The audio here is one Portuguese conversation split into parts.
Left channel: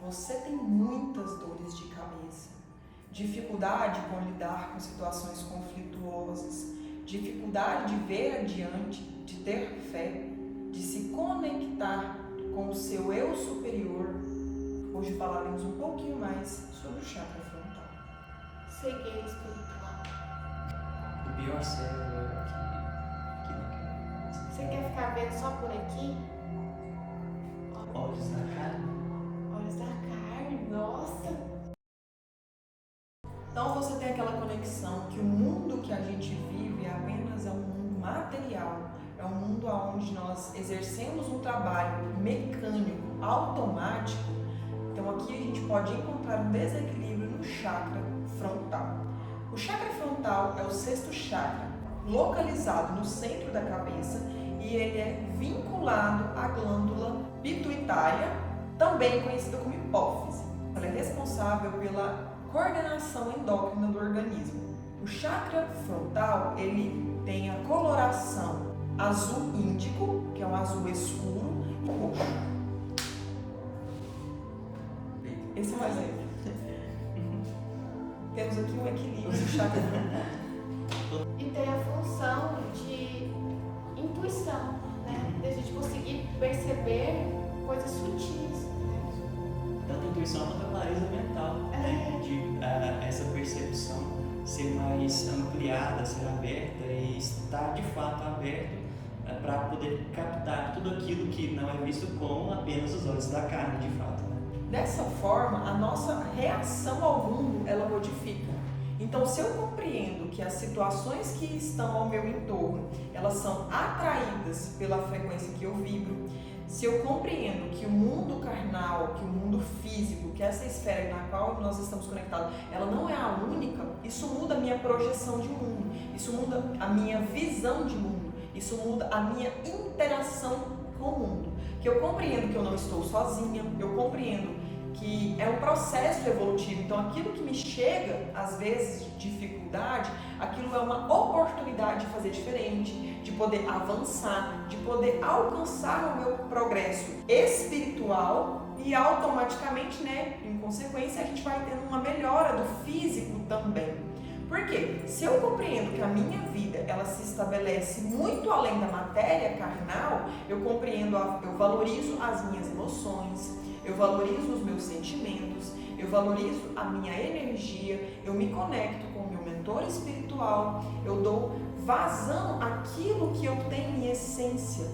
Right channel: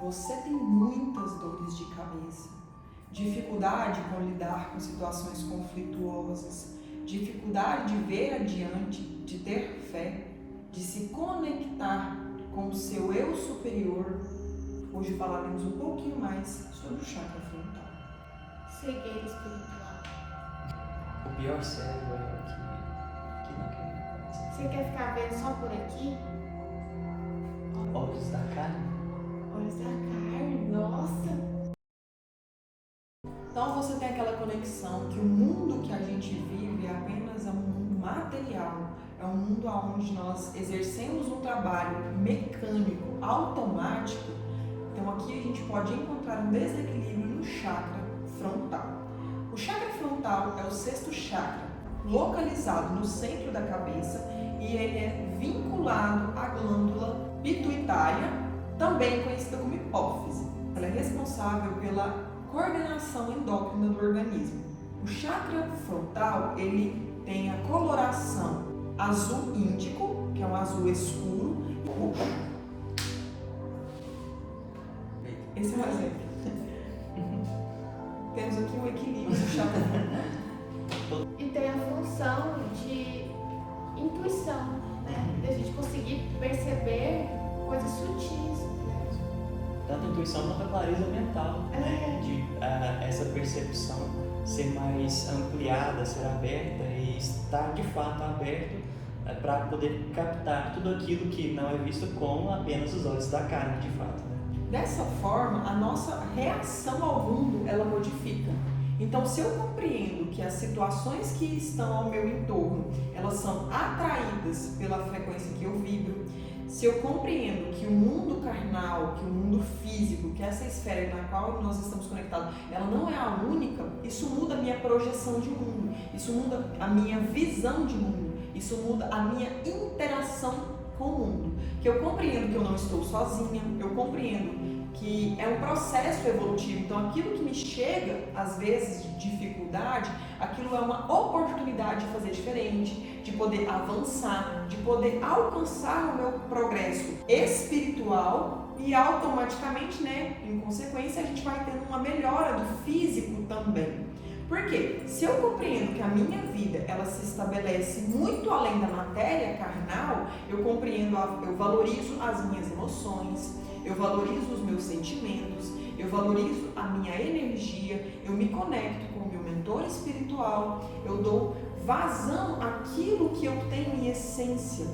você tem muitas dores de cabeça, dificuldade com lidar com situações conflituosas, dificuldade de ver adiante, de ter fé, de se conectar com o seu eu superior. Hoje falaremos um pouquinho mais sobre o chakra frontal. Cegueira espiritual. O pior cego é que não quer. Você quer ficar vendo só por aqui? Olhos da carne. Olhos da carne, nossa! Então você tem aquela conexão que o mundo que a gente vive apenas é um mundo material, é um mundo onde nós exercemos um trabalho mecânico, automático. Então aqui a gente pode encontrar um desequilíbrio no chakra frontal. O chakra frontal é o sexto chakra, localizado no centro da cabeça, e ele é vinculado à glândula pituitária, também conhecida como hipófise. Ela é responsável pela coordenação endócrina do organismo. O chakra frontal, ele tem a coloração azul índico, que é um azul escuro, e roxo. Esse é exemplo. Temos aqui um equilíbrio do chakra frontal. E tem a função de intuição, né? De a gente conseguir perceber coisas sutis. Tanto a intuição quanto a clareza mental, né? De essa percepção ser mais ampliada, ser aberta e estar de fato aberto para poder captar tudo aquilo que não é visto com apenas os olhos da carne, de fato. Né? Dessa forma, a nossa reação ao mundo, ela modifica. Então, se eu compreendo que as situações que estão ao meu entorno, elas são atraídas pela frequência que eu vibro, se eu compreendo que o mundo carnal, que o mundo físico, que essa esfera na qual nós estamos conectados, ela não é a única, isso muda a minha projeção de mundo, isso muda a minha visão de mundo, isso muda a minha interação com o mundo. Que eu compreendo que eu não estou sozinha, eu compreendo que é um processo evolutivo, então aquilo que me chega, às vezes, de dificuldade, aquilo é uma oportunidade de fazer diferente, de poder avançar, de poder alcançar o meu progresso espiritual e automaticamente, né, em consequência, a gente vai tendo uma melhora do físico também. Por quê? Se eu compreendo que a minha vida, ela se estabelece muito além da matéria carnal, eu compreendo, eu valorizo as minhas emoções, eu valorizo os meus sentimentos, eu valorizo a minha energia, eu me conecto com o meu mentor espiritual, eu dou vazão àquilo que eu tenho em essência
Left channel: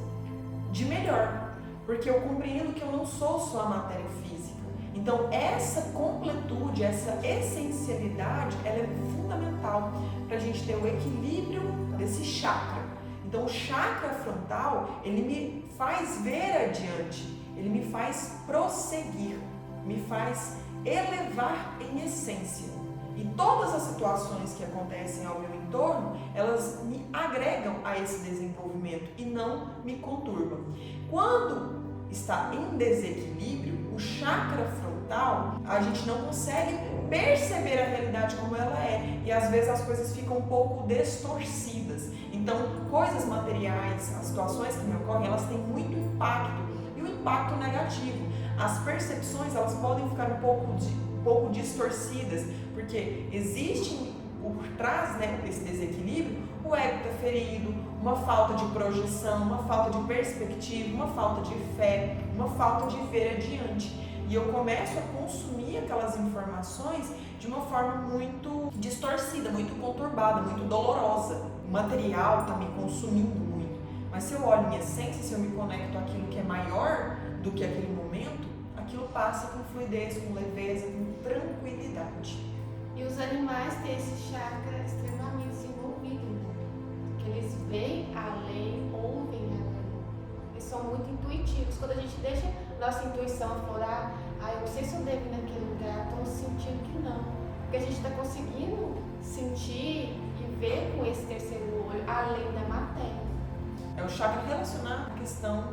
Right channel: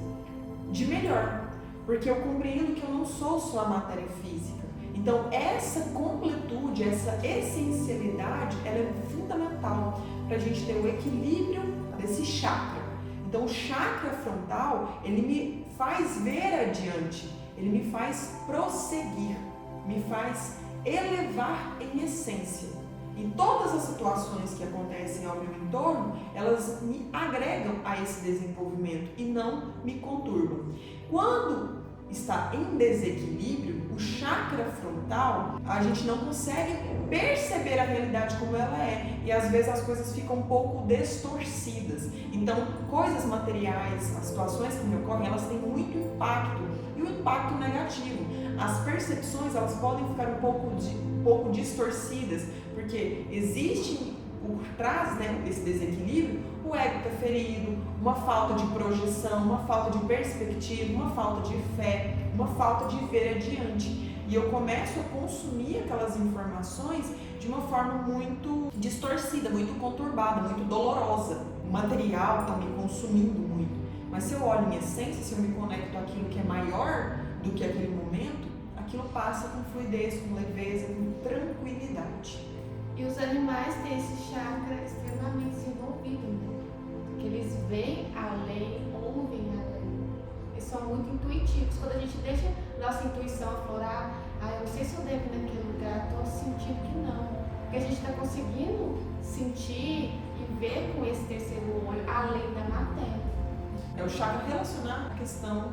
de melhor, porque eu compreendo que eu não sou só a matéria física. Então essa completude, essa essencialidade, ela é fundamental para a gente ter o equilíbrio desse chakra. Então o chakra frontal, ele me faz ver adiante, ele me faz prosseguir, me faz elevar em essência. E todas as situações que acontecem ao meu entorno, elas me agregam a esse desenvolvimento e não me conturbam. Quando está em desequilíbrio, o chakra frontal, a gente não consegue perceber a realidade como ela é, e às vezes as coisas ficam um pouco distorcidas. Então, coisas materiais, as situações que me ocorrem, elas têm muito impacto, e o impacto negativo. As percepções, elas podem ficar um pouco distorcidas, porque existe por trás, né, esse desequilíbrio, o ego está ferido, uma falta de projeção, uma falta de perspectiva, uma falta de fé, uma falta de ver adiante. E eu começo a consumir aquelas informações de uma forma muito distorcida, muito conturbada, muito dolorosa. O material está me consumindo muito. Mas se eu olho em essência, se eu me conecto àquilo que é maior do que aquele momento, aquilo passa com fluidez, com leveza, com tranquilidade. E os animais têm esse chakra extremamente desenvolvido, né? Porque eles veem além, ouvem além. Eles são muito intuitivos. Quando a gente deixa nossa intuição aflorar, eu não sei se eu devo ir naquele lugar, estou sentindo que não. Porque a gente está conseguindo sentir e ver com esse terceiro olho além da matéria. É o chakra relacionado à questão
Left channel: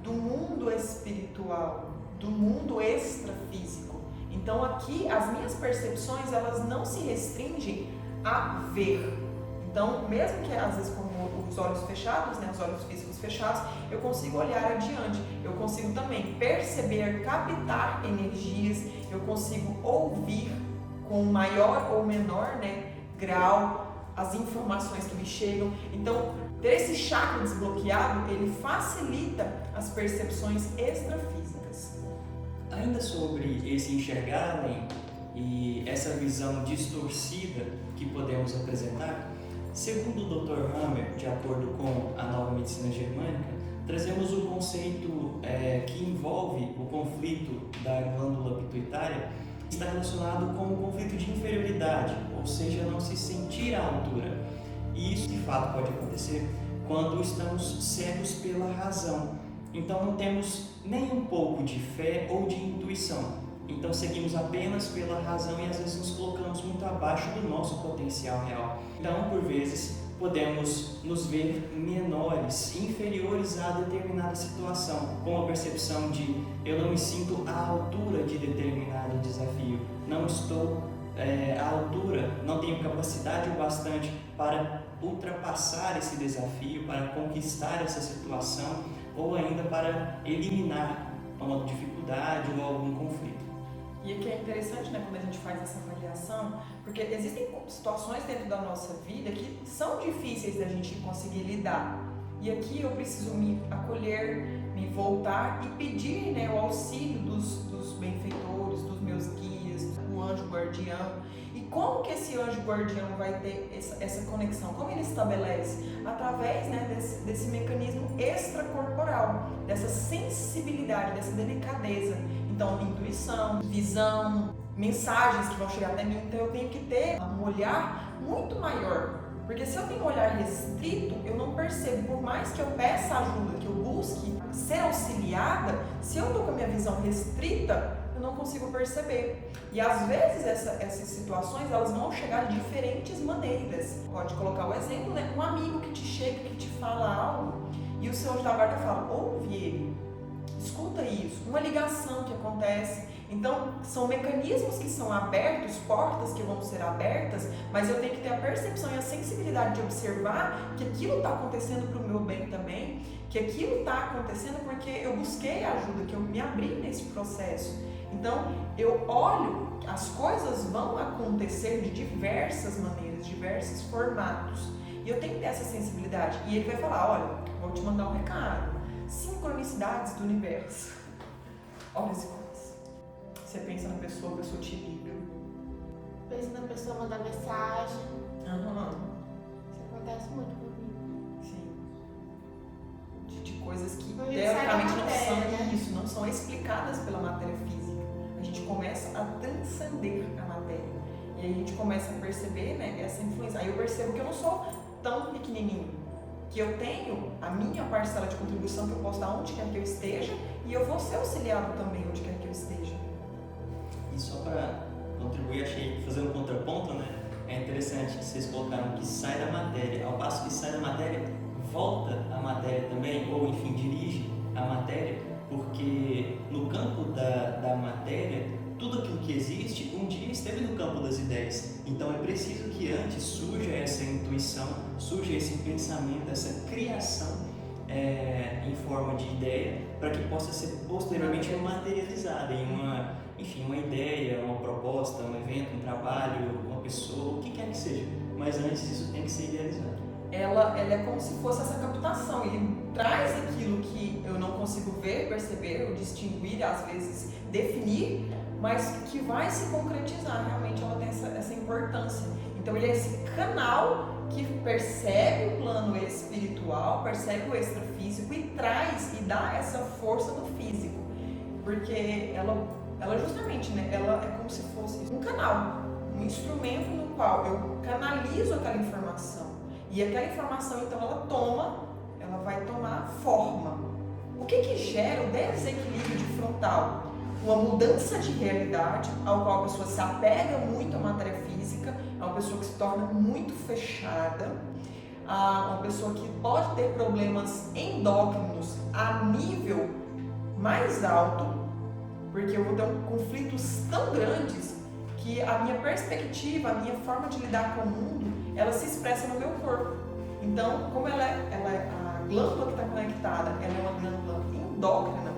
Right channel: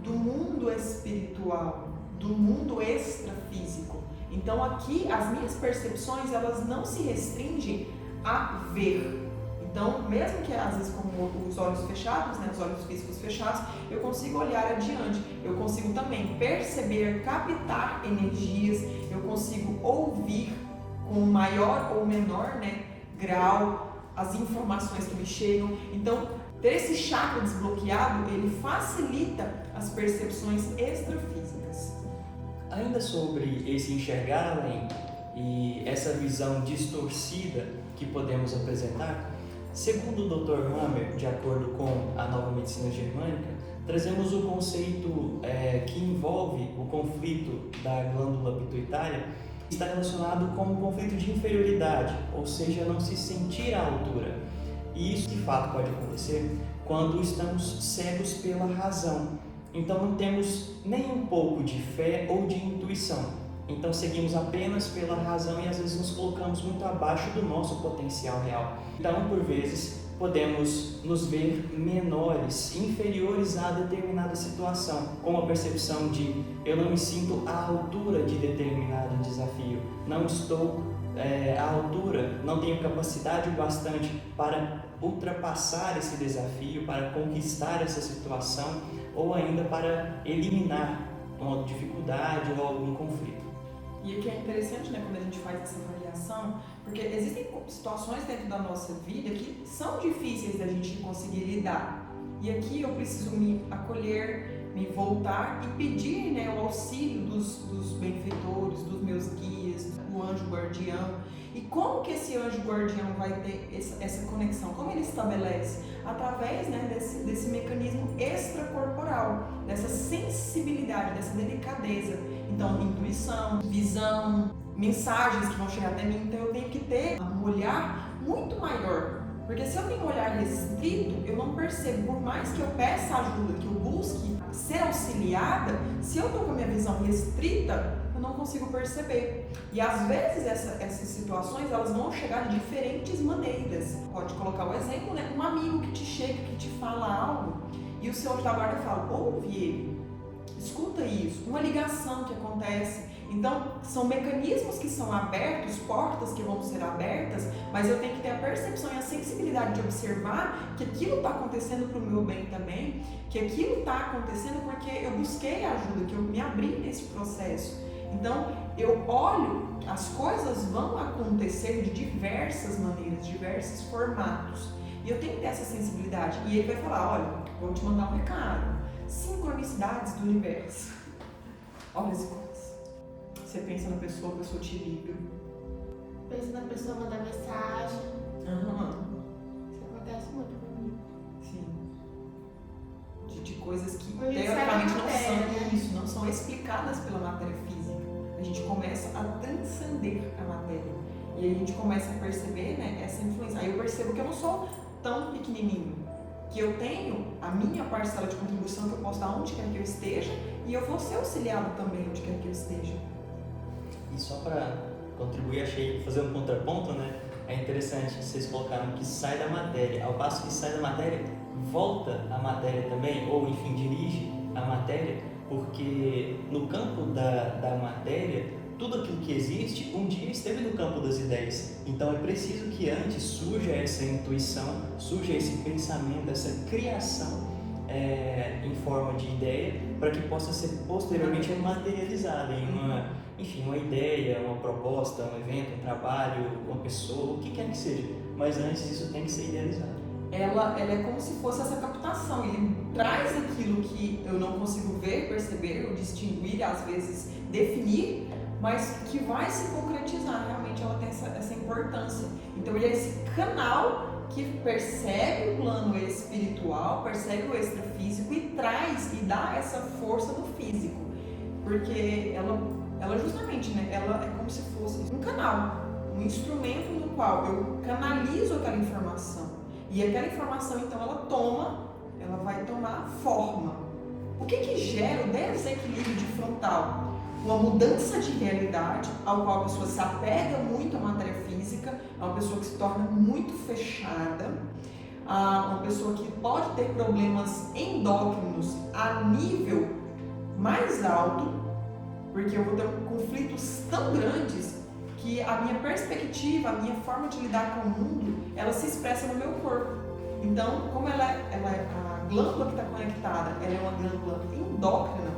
do mundo espiritual, do mundo extrafísico. Então aqui as minhas percepções, elas não se restringem a ver. Então, mesmo que às vezes com os olhos fechados, né, os olhos físicos fechados, eu consigo olhar adiante, eu consigo também perceber, captar energias, eu consigo ouvir com maior ou menor, né, grau as informações que me chegam. Então, ter esse chakra desbloqueado, ele facilita as percepções extrafísicas. Ainda sobre esse enxergar além e essa visão distorcida que podemos apresentar, segundo o Dr. Hammer, de acordo com a nova medicina germânica, trazemos o conceito que envolve o conflito da glândula pituitária, que está relacionado com um conflito de inferioridade, ou seja, não se sentir à altura. E isso de fato pode acontecer quando estamos cegos pela razão. Então não temos nem um pouco de fé ou de intuição. Então seguimos apenas pela razão e às vezes nos colocamos muito abaixo do nosso potencial real. Então, por vezes, podemos nos ver menores, inferiores a determinada situação, com a percepção de eu não me sinto à altura de determinado desafio, não estou à altura, não tenho capacidade bastante para ultrapassar esse desafio, para conquistar essa situação ou ainda para eliminar uma dificuldade ou algum conflito. E aqui é interessante, né, quando a gente faz essa avaliação, porque existem situações dentro da nossa vida que são difíceis da gente conseguir lidar. E aqui eu preciso me acolher, me voltar e pedir, né, o auxílio dos benfeitores, dos meus guias, do anjo guardião. E como que esse anjo guardião vai ter essa conexão? Como ele estabelece? Através, né, desse mecanismo extracorporal, dessa sensibilidade, dessa delicadeza. Então, intuição, visão, mensagens que vão chegar até mim. Então, eu tenho que ter um olhar muito maior. Porque se eu tenho um olhar restrito, eu não percebo. Por mais que eu peça ajuda, que eu busque ser auxiliada, se eu estou com a minha visão restrita, eu não consigo perceber. E às vezes essas situações, elas vão chegar de diferentes maneiras. Pode colocar o exemplo, né? Um amigo que te chega, que te fala algo, e o seu anjo da guarda fala, ouve ele, escuta isso. Uma ligação que acontece. Então, são mecanismos que são abertos, portas que vão ser abertas, mas eu tenho que ter a percepção e a sensibilidade de observar que aquilo está acontecendo para o meu bem também, que aquilo está acontecendo porque eu busquei ajuda, que eu me abri nesse processo. Então, eu olho, as coisas vão acontecer de diversas maneiras, diversos formatos. E eu tenho que ter essa sensibilidade. E ele vai falar, olha, vou te mandar um recado. Sincronicidades do universo. Olha esse coisa. Você pensa na pessoa, a pessoa te liga. Pensa na pessoa, mandar mensagem. Isso acontece muito comigo. Sim. De coisas que Porque teoricamente não matéria, são né? isso, não são explicadas pela matéria física. A gente começa a transcender a matéria. E aí a gente começa a perceber, né, essa influência. Aí eu percebo que eu não sou tão pequenininho. Que eu tenho a minha parcela de contribuição que eu posso dar onde quer que eu esteja e eu vou ser auxiliado também onde quer que eu esteja. E só para contribuir, achei, fazer um contraponto, né? É interessante, vocês colocaram que sai da matéria, ao passo que sai da matéria, volta à matéria também, ou enfim, dirige a matéria, porque no campo da matéria, tudo aquilo que existe, um dia esteve no campo das ideias. Então é preciso que antes surja essa intuição, surja esse pensamento, essa criação em forma de ideia, para que possa ser posteriormente materializada em uma ideia, uma proposta, um evento, um trabalho, uma pessoa, o que quer que seja. Mas antes isso tem que ser idealizado. Ela é como se fosse essa captação, ele traz aquilo que eu não consigo ver, perceber, ou distinguir, às vezes definir, mas que vai se concretizar, realmente ela tem essa importância. Então ele é esse canal que percebe o plano espiritual, percebe o extrafísico e traz e dá essa força no físico, porque ela justamente, né, ela é como se fosse um canal, um instrumento no qual eu canalizo aquela informação. E aquela informação, então, ela vai tomar forma. O que gera o desequilíbrio de frontal? Uma mudança de realidade, ao qual a pessoa se apega muito à matéria física, é uma pessoa que se torna muito fechada, uma pessoa que pode ter problemas endócrinos a nível mais alto, porque eu vou ter conflitos tão grandes que a minha perspectiva, a minha forma de lidar com o mundo, ela se expressa no meu corpo. Então, como ela é a glândula que está conectada, ela é uma glândula endócrina,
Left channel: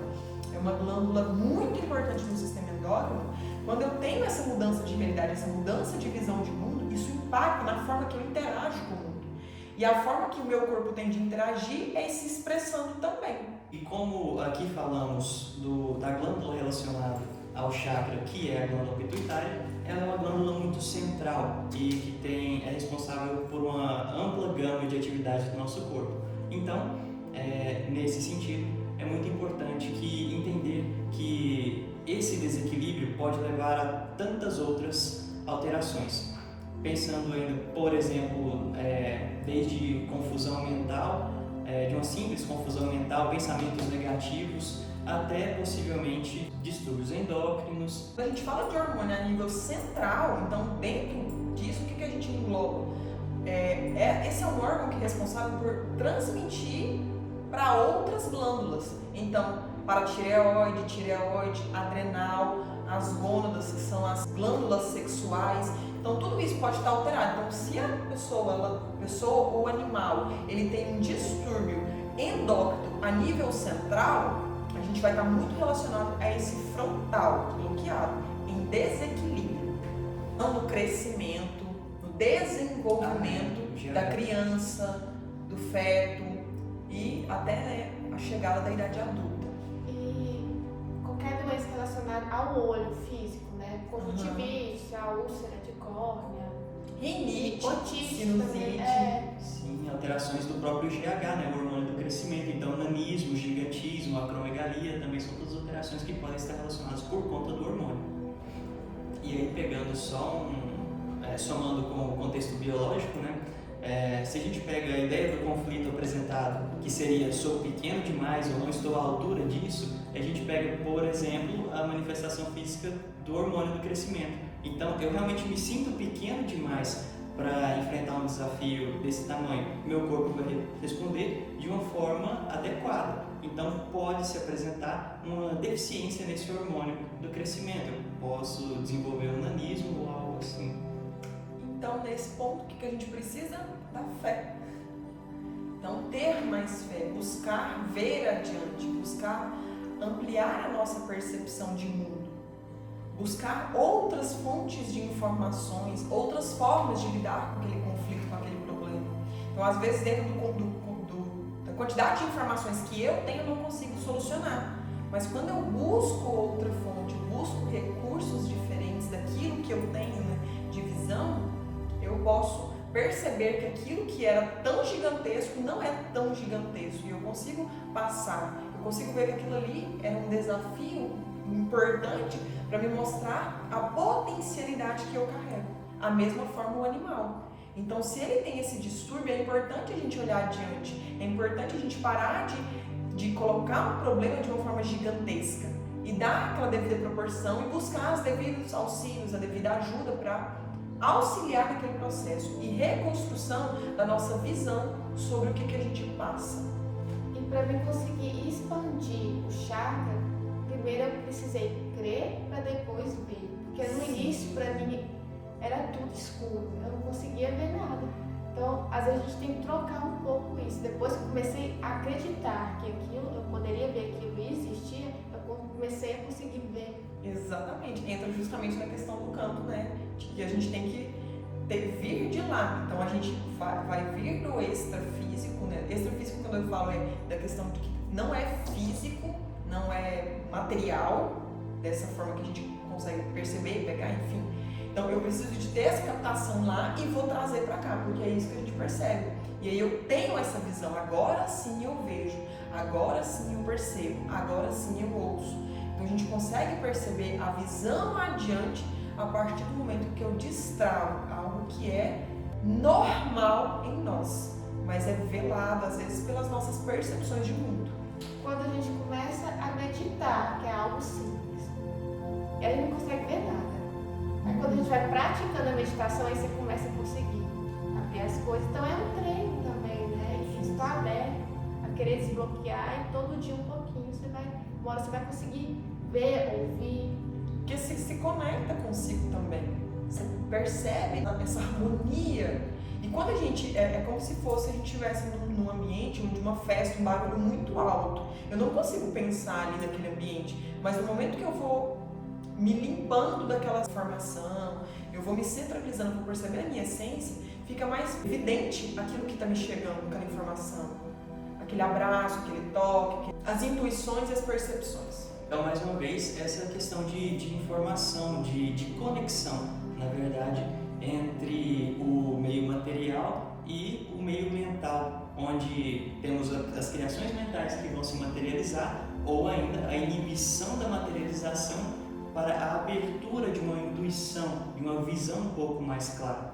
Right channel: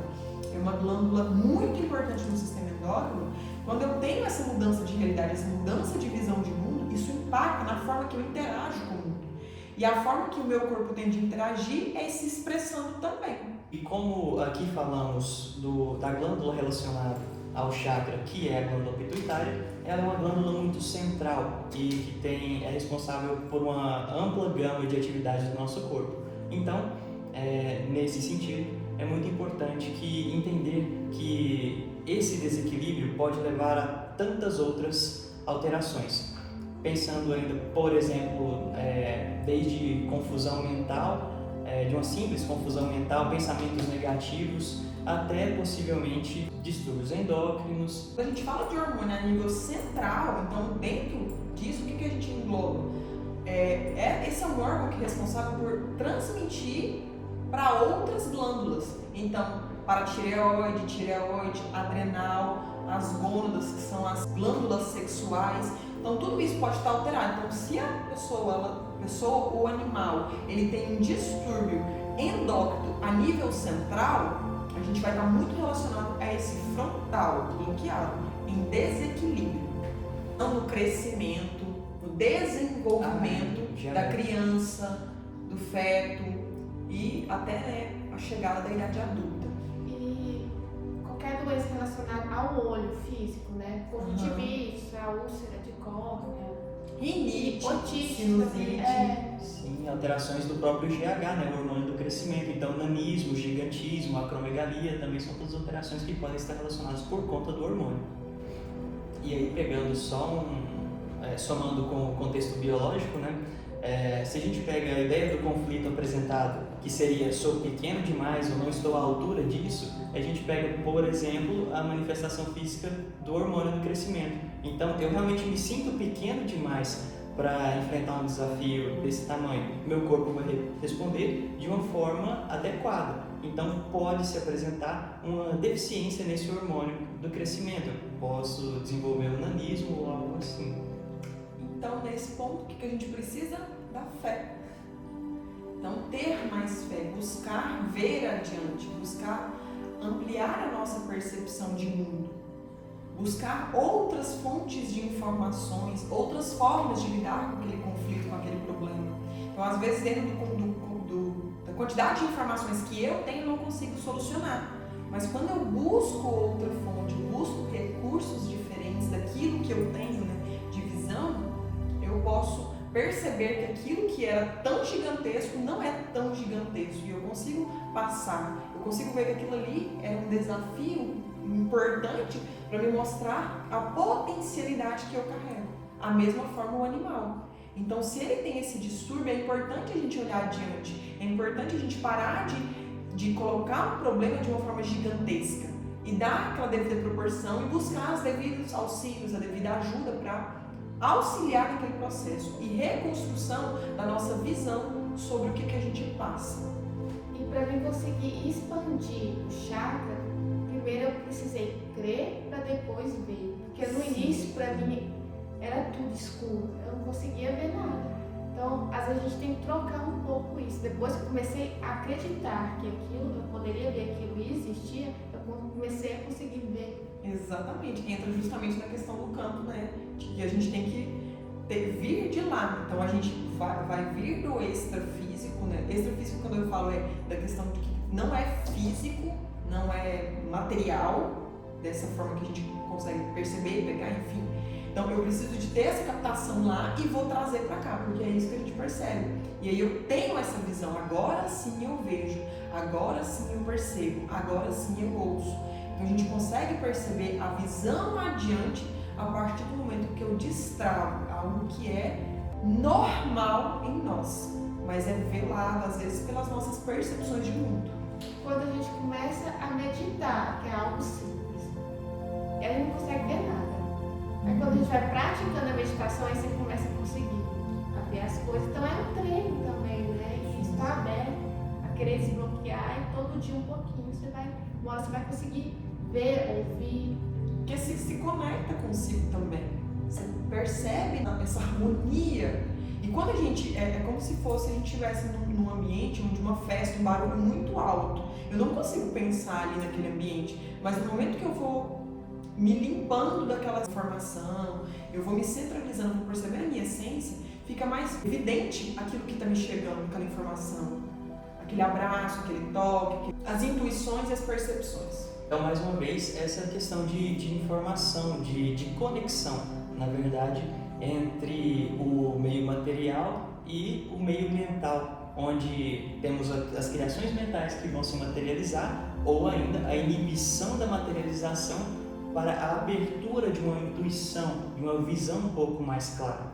é uma glândula muito importante no sistema endócrino. Quando eu tenho essa mudança de realidade, essa mudança de visão de mundo, isso impacta na forma que eu interajo com o mundo. E a forma que o meu corpo tem de interagir é se expressando também. E como aqui falamos da glândula relacionada ao chakra, que é a glândula pituitária, ela é uma glândula muito central e que é responsável por uma ampla gama de atividades do nosso corpo. Então, nesse sentido, é muito importante entender que esse desequilíbrio pode levar a tantas outras alterações. Pensando ainda, por exemplo, desde confusão mental, de uma simples confusão mental, pensamentos negativos, até possivelmente distúrbios endócrinos. Quando a gente fala de hormônio a nível central, então dentro disso, o que a gente engloba? Esse é um órgão que é responsável por transmitir para outras glândulas. Então, para tireoide, adrenal, as gônadas, que são as glândulas sexuais. Então, tudo isso pode estar alterado. Então, se a pessoa ou animal, ele tem um distúrbio endócrino a nível central, a gente vai estar muito relacionado a esse frontal, bloqueado, em desequilíbrio. Então, no crescimento, no desenvolvimento da criança, do feto e até a chegada da idade adulta. E qualquer doença relacionada ao olho físico, né? Conjuntivite, a úlcera de córnea, Rinite, otite, sinusite. Sim, alterações do próprio GH, né? O hormônio do crescimento. Então, nanismo, gigantismo, acromegalia também são todas alterações que podem estar relacionadas por conta do hormônio. E aí, pegando somando com o contexto biológico, né? Se a gente pega a ideia do conflito apresentado, que seria sou pequeno demais ou não estou à altura disso, a gente pega, por exemplo, a manifestação física do hormônio do crescimento. Então, eu realmente me sinto pequeno demais para enfrentar um desafio desse tamanho. Meu corpo vai responder de uma forma adequada. Então, pode se apresentar uma deficiência nesse hormônio do crescimento. Eu posso desenvolver um nanismo ou algo assim. Então, nesse ponto, o que a gente precisa? Da fé. Então, ter mais fé, buscar ver adiante, buscar ampliar a nossa percepção de mundo, buscar outras fontes de informações, outras formas de lidar com aquele conflito, com aquele problema. Então, às vezes, dentro da quantidade de informações que eu tenho, eu não consigo solucionar. Mas quando eu busco outra fonte, busco recursos diferentes daquilo que eu tenho, né, de visão, eu posso perceber que aquilo que era tão gigantesco não é tão gigantesco. E eu consigo passar, eu consigo ver que aquilo ali era um desafio importante para me mostrar a potencialidade que eu carrego. A mesma forma o animal. Então, se ele tem esse distúrbio, é importante a gente olhar adiante. É importante a gente parar de colocar um problema de uma forma gigantesca e dar aquela devida proporção e buscar os devidos auxílios, a devida ajuda para auxiliar naquele processo e reconstrução da nossa visão sobre o que a gente passa. E para mim conseguir expandir o chakra, primeiro eu precisei crer para depois ver. Porque no início, para mim, era tudo escuro, eu não conseguia ver nada. Então, às vezes a gente tem que trocar um pouco isso. Depois que eu comecei a acreditar que aquilo, eu poderia ver que aquilo existia, eu comecei a conseguir ver. Exatamente, entra justamente na questão do campo, né? De que a gente tem que vir de lá. Então a gente vai vir do extrafísico, né? Extrafísico, quando eu falo, é da questão de que não é físico, não é material, dessa forma que a gente consegue perceber, pegar, enfim. Então eu preciso de ter essa captação lá e vou trazer para cá, porque é isso que a gente percebe. E aí eu tenho essa visão, agora sim eu vejo, agora sim eu percebo, agora sim eu ouço. Então a gente consegue perceber a visão adiante a partir do momento que eu destravo algo que é normal em nós, mas é velado às vezes pelas nossas percepções de mundo. Quando a gente começa a meditar, que é algo simples, aí não consegue ver nada. Aí quando a gente vai praticando a meditação, aí você começa a conseguir ver as coisas. Então é um treino também, né? E estar aberto a querer desbloquear e todo dia um pouquinho uma hora você vai conseguir ver, ouvir. Porque se conecta consigo também. Você percebe essa harmonia. E quando a gente, é como se fosse a gente estivesse num ambiente, de uma festa, um barulho muito alto. Eu não consigo pensar ali naquele ambiente, mas no momento que eu vou me limpando daquela informação, eu vou me centralizando, vou perceber a minha essência, fica mais evidente aquilo que está me chegando, aquela informação. Aquele abraço, aquele toque, as intuições e as percepções. Então, mais uma vez, essa é a questão de informação, de conexão, na verdade, entre o meio material e o meio mental, onde temos as criações mentais que vão se materializar, ou ainda a inibição da materialização para a abertura de uma intuição, de uma visão um pouco mais clara.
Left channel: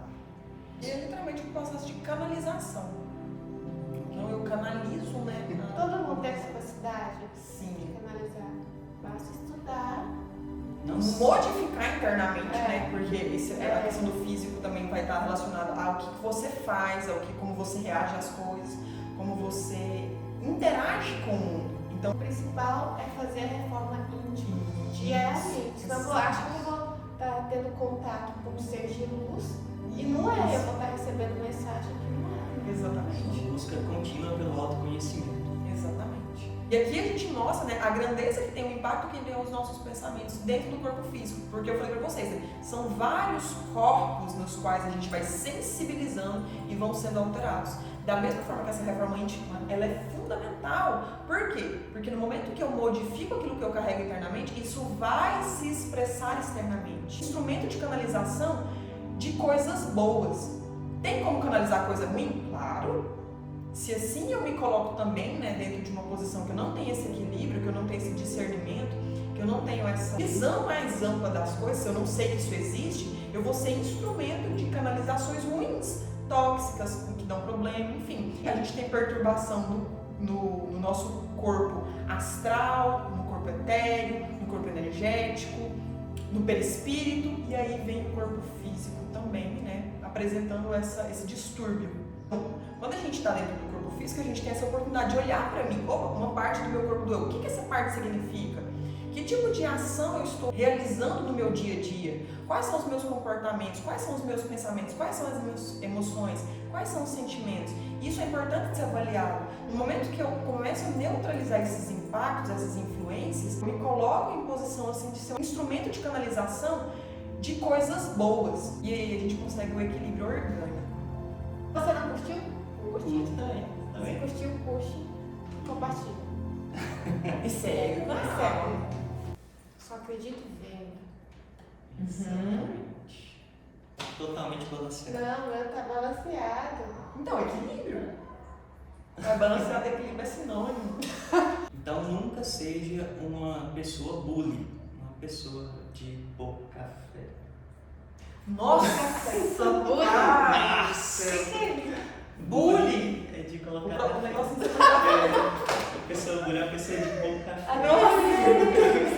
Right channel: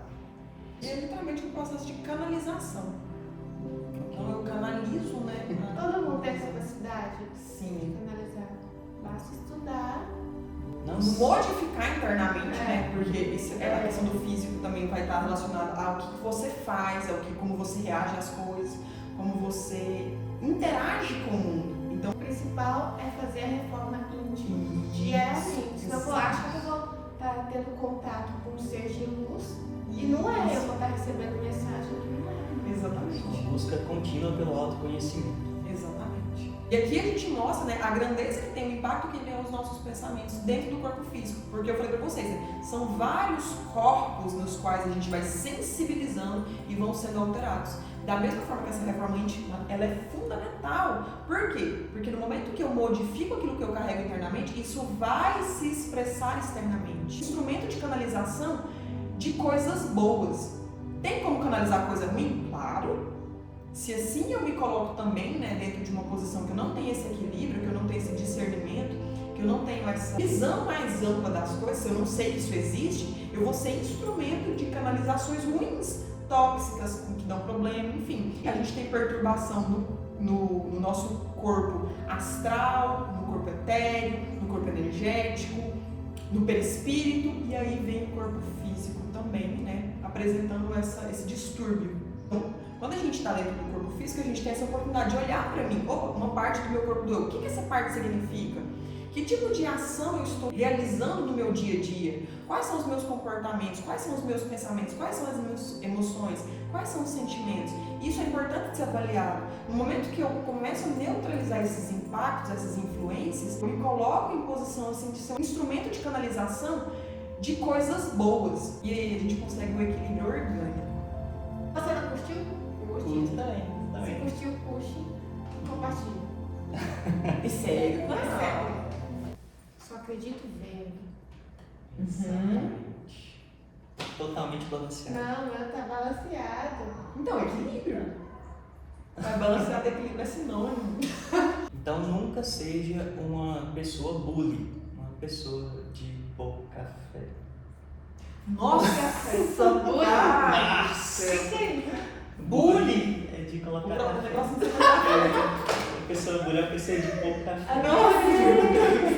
É literalmente um processo de canalização. Então eu canalizo, né? Todo mundo tem essa capacidade Sim. de canalizar. Basta estudar. Não Modificar internamente, né? Porque a questão do físico também vai estar relacionada ao que você faz, como você reage às coisas, como você interage com o mundo. Então, O principal é fazer a reforma íntima. E é assim, senão eu acho que eu vou estar tendo contato com um ser de luz e não é eu que vou estar recebendo mensagem que não é. Exatamente. Uma busca contínua pelo autoconhecimento. Exatamente. E aqui a gente mostra, né, a grandeza que tem, o impacto que tem os nossos pensamentos dentro do corpo físico. Porque eu falei pra vocês, né, são vários corpos nos quais a gente vai sensibilizando e vão sendo alterados. Da mesma forma que essa reforma íntima, ela é fundamental. Por quê? Porque no momento que eu modifico aquilo que eu carrego internamente, isso vai se expressar externamente. Instrumento de canalização de coisas boas. Tem como canalizar coisa ruim? Claro. Se assim eu me coloco também, né, dentro de uma posição que eu não tenho esse equilíbrio, que eu não tenho esse discernimento, que eu não tenho essa visão mais ampla das coisas, se eu não sei que isso existe, eu vou ser instrumento de canalizações ruins, tóxicas, que dão problema, enfim. A gente tem perturbação no nosso corpo astral, no corpo etéreo, no corpo energético, no perispírito, e aí vem o corpo físico também, né, apresentando esse distúrbio. Então, quando a gente está dentro do corpo físico, a gente tem essa oportunidade de olhar para mim. Opa, uma parte do meu corpo doeu. O que essa parte significa? Que tipo de ação eu estou realizando no meu dia a dia? Quais são os meus comportamentos? Quais são os meus pensamentos? Quais são as minhas emoções? Quais são os sentimentos? Isso é importante de ser avaliado. No momento que eu começo a neutralizar esses impactos, essas influências, eu me coloco em posição assim, de ser um instrumento de canalização de coisas boas. E aí a gente consegue um equilíbrio orgânico. Você não curtiu? Curto também. Se curtiu, curte, compartilha. E segue. Sério. Só acredito vendo. Exatamente. Totalmente balanceado. Não, tá balanceado. Então, equilíbrio. Mas balanceado e equilíbrio é sinônimo. Então nunca seja uma pessoa bully, uma pessoa de pouca fé. Nossa! Bully! É de colocar. O negócio não tem A pessoa bully é uma pessoa de pouca fé. Nossa!